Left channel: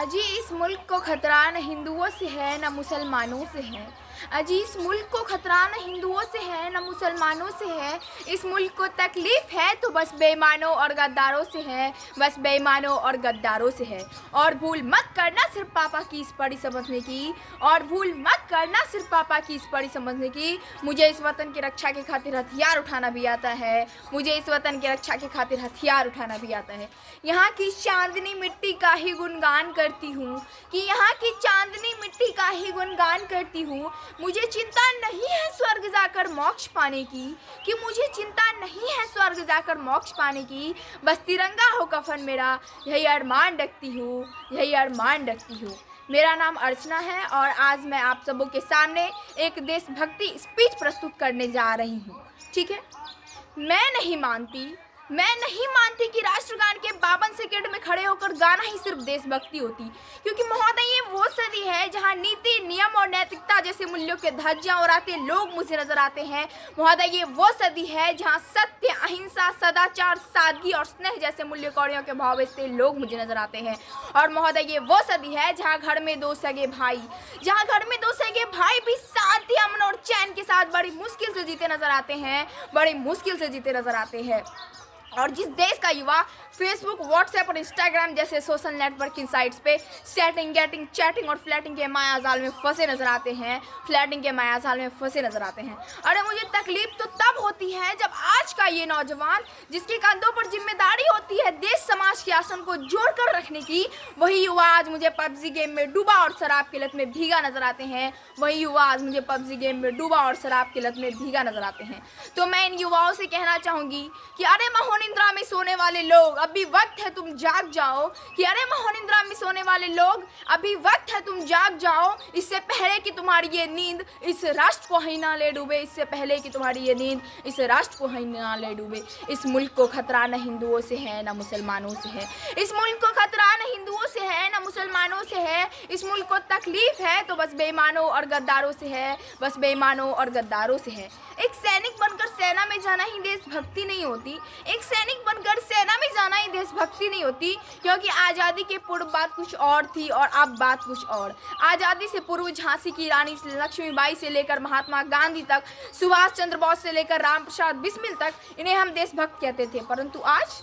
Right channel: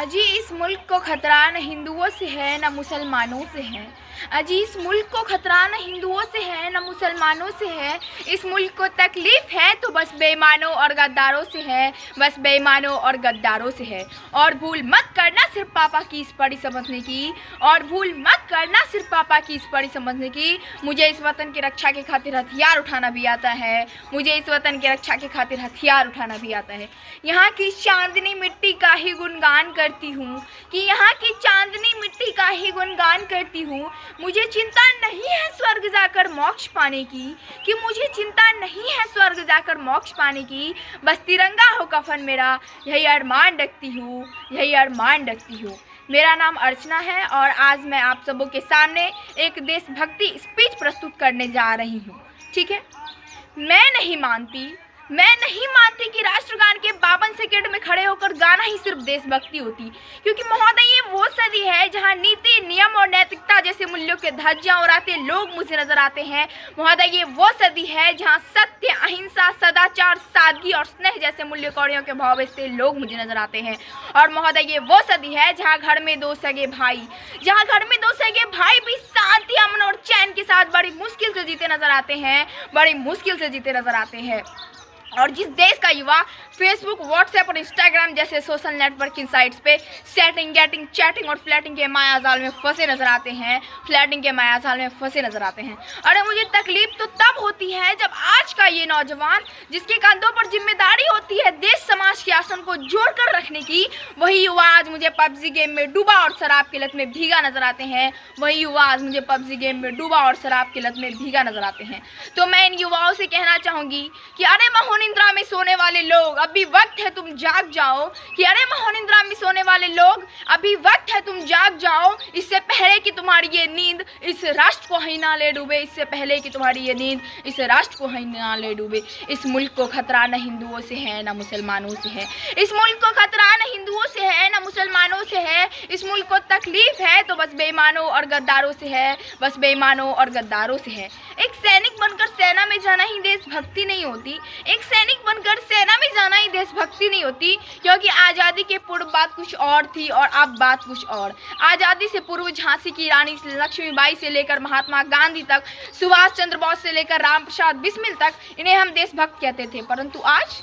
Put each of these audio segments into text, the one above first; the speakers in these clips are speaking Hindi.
अजी इस मुल्क को खतरा न हिंदुओं से है न मुसलमानों से है। अजी इस मुल्क को खतरा न हिंदुओं से है न मुसलमानों से है। इस मुल्क को तकलीफ़ है तो बस बेईमानों और गद्दारों से है, बस बेईमानों और गद्दारों से है। और भूल मत करना सिर्फ पापा की इस पढ़ी समझने की, और भूल मत करना सिर्फ पापा की इस पढ़ी समझने की। मुझे इस वतन की रक्षा के खातिर हथियार उठाना भी आता है, मुझे इस वतन की रक्षा के खातिर हथियार उठाना भी आता है। यहाँ की चांदनी मिट्टी का ही गुणगान करती हूँ, कि यहाँ की चांदनी मिट्टी का ही गुणगान करती हूँ। मुझे चिंता नहीं है स्वर्ग जाकर मोक्ष पाने की, कि मुझे चिंता नहीं है स्वर्ग जाकर मोक्ष पाने की। बस तिरंगा हो कफन मेरा, यही अरमान रखती हूँ, यही अरमान रखती हूँ। मेरा नाम अर्चना है और आज मैं आप सबों के सामने एक देशभक्ति स्पीच प्रस्तुत करने जा रही हूँ। ठीक है। मैं नहीं मानती कि राष्ट्रगान के 52 सेकंड में खड़े होकर गाना ही सिर्फ देशभक्ति होती, क्योंकि महोदय ये वो सदी है जहां नीति, नियम और नैतिकता जैसे मूल्यों के धज्जियां उड़ाते लोग मुझे नजर आते हैं। महोदय ये वो सदी है जहां सत्य, अहिंसा, सदाचार, सादगी और स्नेह जैसे मूल्य कौड़ियों के भाव बेचते लोग मुझे नजर आते हैं। और महोदय ये वो सदी है जहाँ घर में दो सगे भाई भी शांति, अमन और चैन के साथ बड़ी मुश्किल से जीते नजर आते हैं। और जिस देश का युवा फेसबुक, व्हाट्सएप और इंस्टाग्राम जैसे सोशल नेटवर्किंग साइट्स पे सेटिंग, गेटिंग, चैटिंग और फ्लैटिंग के मायाजाल में फंसे नजर आते हैं। अरे मुझे तकलीफ तो तब होती है जब आज का ये नौजवान, जिसके कंधों पर जिम्मेदारी होती है देश समाज के आसन को जोड़ कर रखने की, वही युवा आज मुझे पबजी गेम में डूबा और शराब की लत में भीगा नजर आते हैं। तो मैं इन युवाओं से कहना चाहूँगी कि अरे महोनिंद्रा में सोने वाले लोग, अभी वक्त है तुम जाग जाओ। इससे पहले कि तुम्हारी ये नींद इस राष्ट्र को ही ना ले डूबे। इस मुल्क को खतरा न हिंदुओं से है न मुसलमानों से है। इस मुल्क को तकलीफ है तो बस बेईमानों और गद्दारों से है। एक सैनिक बनकर सेना में जाना ही देशभक्ति नहीं होती, क्योंकि आज़ादी के पूर्व बात कुछ और थी और अब बात कुछ और। आज़ादी से पूर्व झांसी की रानी लक्ष्मीबाई से लेकर महात्मा गांधी तक, सुभाष चंद्र बोस से लेकर राम प्रसाद बिस्मिल तक, इन्हें हम देशभक्त कहते थे। परंतु आज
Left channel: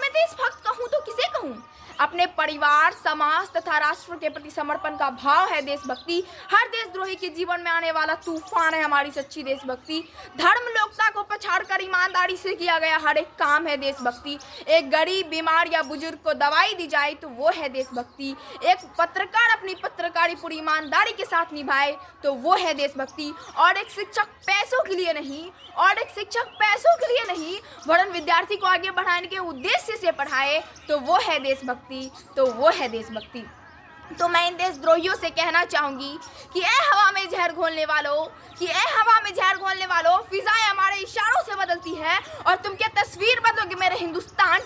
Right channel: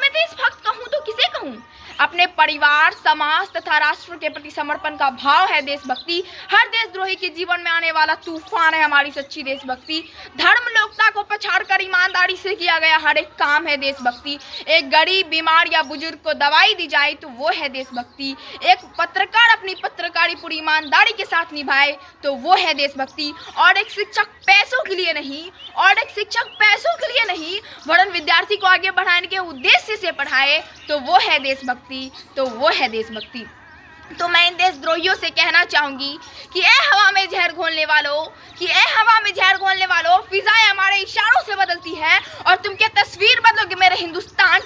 मैं देशभक्त कहूँ तो किसे कहूँ? अपने परिवार, समाज तथा राष्ट्र के प्रति समर्पण का भाव है देशभक्ति। हर देशद्रोही के जीवन में आने वाला तूफान है हमारी सच्ची देशभक्ति। धर्म, लोकता को पछाड़कर ईमानदारी से किया गया हर एक काम है देशभक्ति। एक गरीब, बीमार या बुजुर्ग को दवाई दी जाए तो वो है देशभक्ति। एक पत्रकार अपनी पत्रकारी पूरी ईमानदारी के साथ निभाए तो वो है देशभक्ति। और एक शिक्षक पैसों के लिए नहीं वरन विद्यार्थी को आगे बढ़ाने के उद्देश्य से पढ़ाए तो वो है देशभक्ति। तो मैं इन देशद्रोहियों से कहना चाहूँगी कि ए हवा में जहर घोलने वालों, फिजाएं हमारे इशारों से बदलती है और तुम क्या तस्वीर बदलोगे मेरे हिंदुस्तान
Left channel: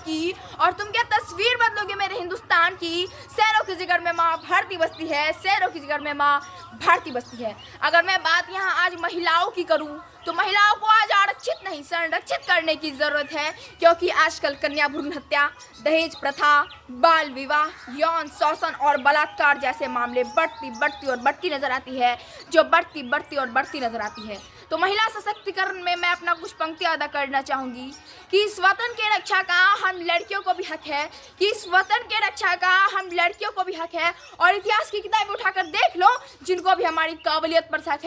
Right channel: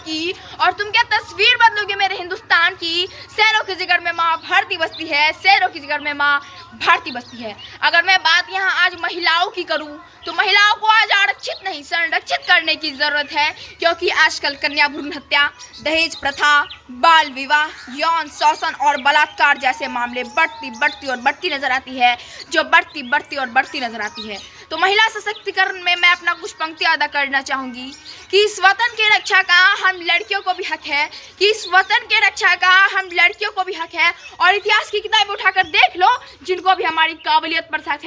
की। शहरों की जिगर में माँ भारती बसती है। अगर मैं बात यहाँ आज महिलाओं की करूँ तो महिलाओं को आज आरक्षित नहीं संरक्षित करने की ज़रूरत है, क्योंकि आजकल कन्या भ्रूण हत्या, दहेज प्रथा, बाल विवाह, यौन शोषण और बलात्कार जैसे मामले बढ़ती नजर आती है। तो महिला सशक्तिकरण में मैं अपना कुछ पंक्ति अदा करना चाहूँगी कि इस वतन के रक्षा का हम लड़कियों को भी हक है। और इतिहास की किताबें उठाकर देख लो जिनको भी हमारी काबिलियत पर शक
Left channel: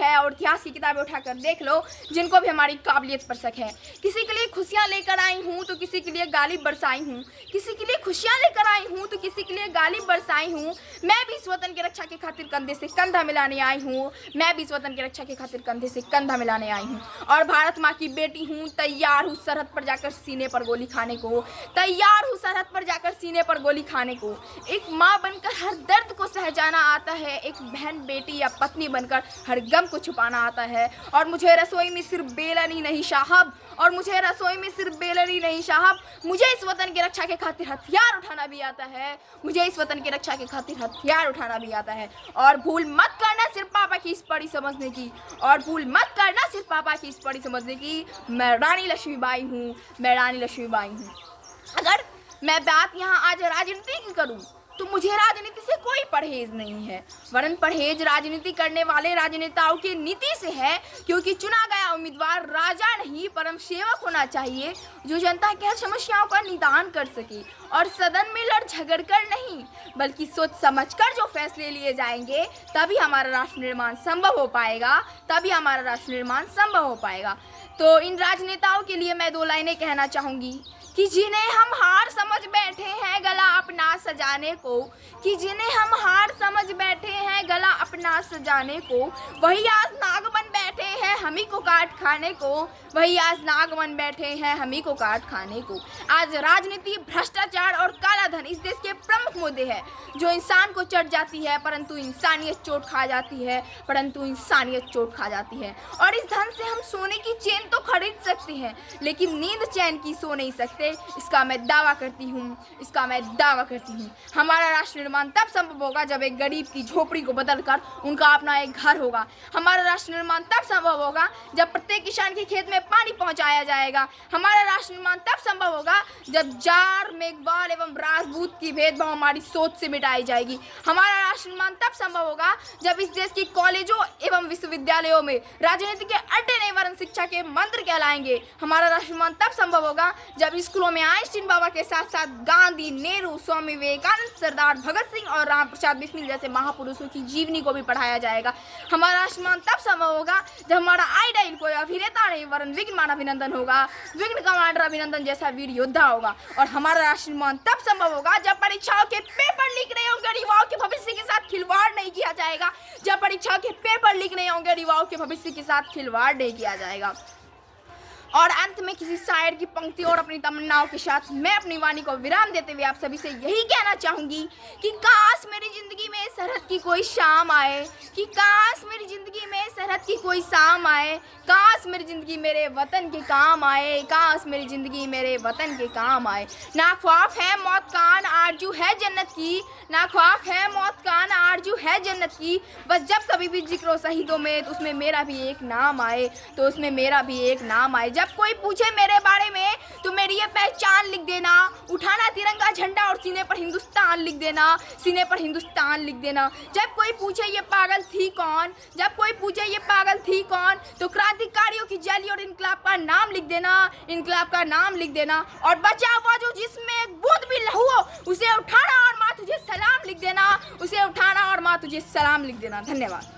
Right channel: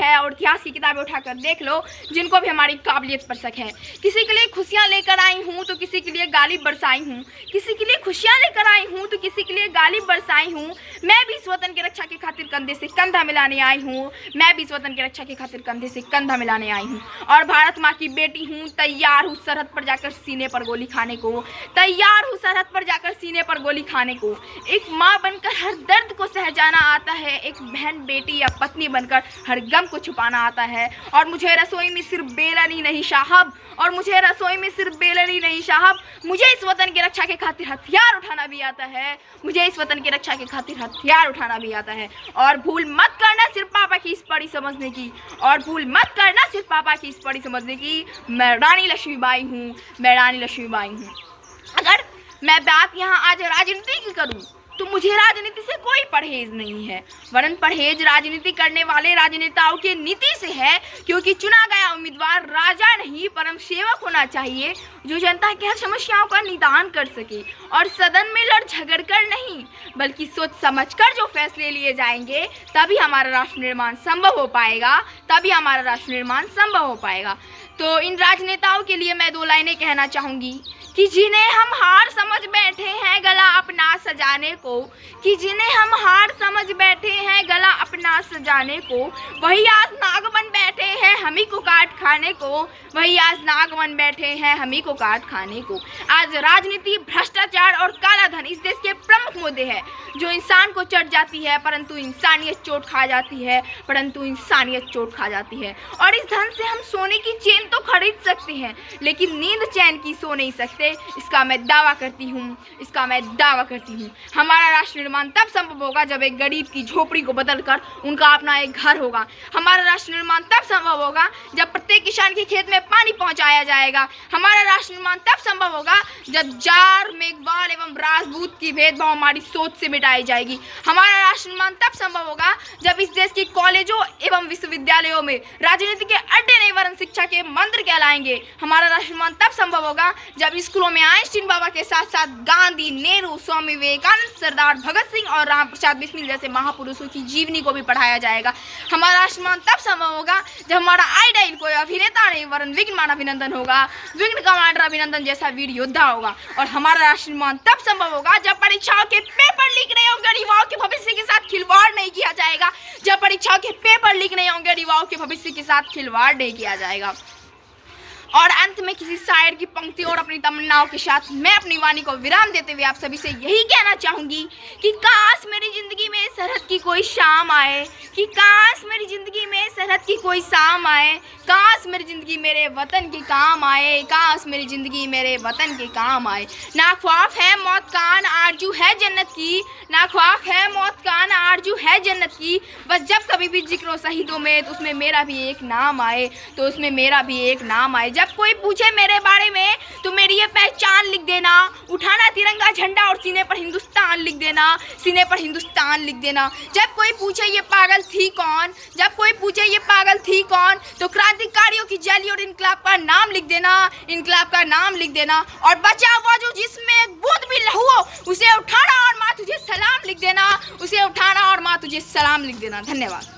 है, किसी के लिए खुशियाँ लेकर आई हूँ तो किसी के लिए गाली बरसाई हूँ। मैं भी इस वतन की रक्षा के खातिर कंधे से कंधा मिलाने आई हूँ। और भारत माँ की बेटी हूँ, तैयार हूँ सरहद पर जाकर सीने पर गोली खाने को। एक माँ बनकर हर दर्द को सहजाना आता है, एक बहन, बेटी या पत्नी बनकर हर गम को छुपाना आता है। और मुझे रसोई में सिर्फ बेलन ही नहीं साहब, मुझे इस वतन की रक्षा के खातिर हथियार उठाना भी आता है। और भूल मत करना सिर्फ पापा की इस पढ़ी समझने की। मैं रानी लक्ष्मीबाई हूँ। अगर मैं बात यहाँ आज राजनीति की करूँ तो मुझे राजनीति से कोई परहेज नहीं है, वरन परहेज राजनीति करने वाले राजनेताओं की नीति से है, क्योंकि चुना गया उम्मीदवार राजा नहीं परम सेवक होना चाहिए, जो जनता की हर समस्याओं का निदान कर सके और सदन में लड़ झगड़ कर नहीं, बल्कि सोच समझ कर जो फैसले लिए जाएंगे तभी हमारा राष्ट्र निर्माण संभव हो पाएगा, तभी हमारा राष्ट्र निर्माण संभव हो पाएगा। तो इन राजनेताओं के लिए मैं 2 लाइनें कहना चाहूँगी कि जिन्हें हम हार समझ बैठे हैं गला अपना सजाने को, कि जिन्हें हम हार समझ बैठे हैं गला अपना सजाने को, वही आज नाग बन बैठे हैं हम ही को काट खाने को, वही आज नाग बन बैठे हैं हम ही को काट खाने को। आज राजनीति, भ्रष्टाचार और काला धन इस देश के प्रमुख मुद्दे हैं, जो इंसान को चढ़ जाती है परंतु इंसानियत चोट खा जाती है, परंतु इंसानियत चोट खा जाती है। और इस धन से हम सोने की चेन तो खरीद सकते हैं, लेकिन नींद चैन की सो नहीं सकते। इसका मैं दावा करती हूँ। हमारा राष्ट्र निर्माण तब संभव होगा जब एक गरीब की झोपड़ी को बदलकर उनका अपना एक घर होगा। हमारा राष्ट्र निर्माण तब संभव होगा जब प्रत्येक किसान के खेत में पानी पहुंचाया जाएगा। हमारा राष्ट्र निर्माण तब संभव होगा जब जार, मेघवाल एवं राजपूत की भेदभाव हमारी सोच से मिटाई जाएगी। हमारा राष्ट्र निर्माण तब संभव होगा जब इस देश के कॉलेजों एवं विश्वविद्यालयों में राजनीति के अड्डे नहीं वरन शिक्षा के मंत्र कहलाएंगे। हमारा राष्ट्र निर्माण तब संभव होगा जब स्कूलों में आइंस्टीन बाबा के साथ साथ गांधी, नेहरू, स्वामी विवेकानंद, सरदार भगत सिंह और राम प्रसाद बिस्मिल जैसे महापुरुषों की जीवनी को भी पढ़ाया जाएगा। हमारा राष्ट्र निर्माण तब संभव होगा जब हमारा आइडल कोई अभिनेता नहीं वरन विघ्न अभिनंदन होगा, विघ्न कमांडर अभिनंदन जैसा वीर योद्धा होगा। और हमारा राष्ट्र निर्माण तब संभव होगा जब परीक्षाओं के पेपर लीक नहीं होंगे, युवाओं के भविष्य के साथ खिलवाड़ नहीं किया जाएगा। जब परीक्षाओं के पेपर लीक नहीं होंगे, युवाओं के भविष्य के साथ खिलवाड़ नहीं किया जाएगा। और अंत में किसी शायर की पंक्ति और अपनी तमन्नाओं के साथ मैं अपनी वाणी को विराम देते हुए आप सभी से यही कहना चाहूँगी कि काश मेरी ज़िंदगी में सरहद की कोई शाम आए, कि काश मेरी ज़िंदगी में सरहद की कोई शाम आए, काश मेरी ज़िंदगी मेरे वतन के काम आए, काश मेरी ज़िंदगी मेरे वतन के काम आए। ना ख्वाब है मौत का न आरजू है जन्नत की, ना ख्वाब है मौत का न आरजू है जन्नत की, बस जब कभी भी जिक्र हो शहीदों में तो उसमें मेरा भी एक नाम आए, तो उसमें मेरा भी एक नाम आए। जब कोई पूछे मेरे बारे में तो मेरी ये पहचान लिख देना, उठाना तिरंगा झंडा और सीने पर हिंदुस्तान लिख देना, सीने पर हिंदुस्तान लिख देना। जब कोई पूछे ये पागल थी कौन, जब कोई पूछे ये पागल थी कौन, तो क्रांतिकारियों की जैली और इनकलाब का नाम लिख देना, इनकलाब का नाम लिख देना। और बचा हुआ जो जिसमें बूंद भी लहू हो उसे उठाना और माँ तुझे सलाम लिख देना, उसे उठाना और माँ तुझे सलाम लिख देना। धन्यवाद।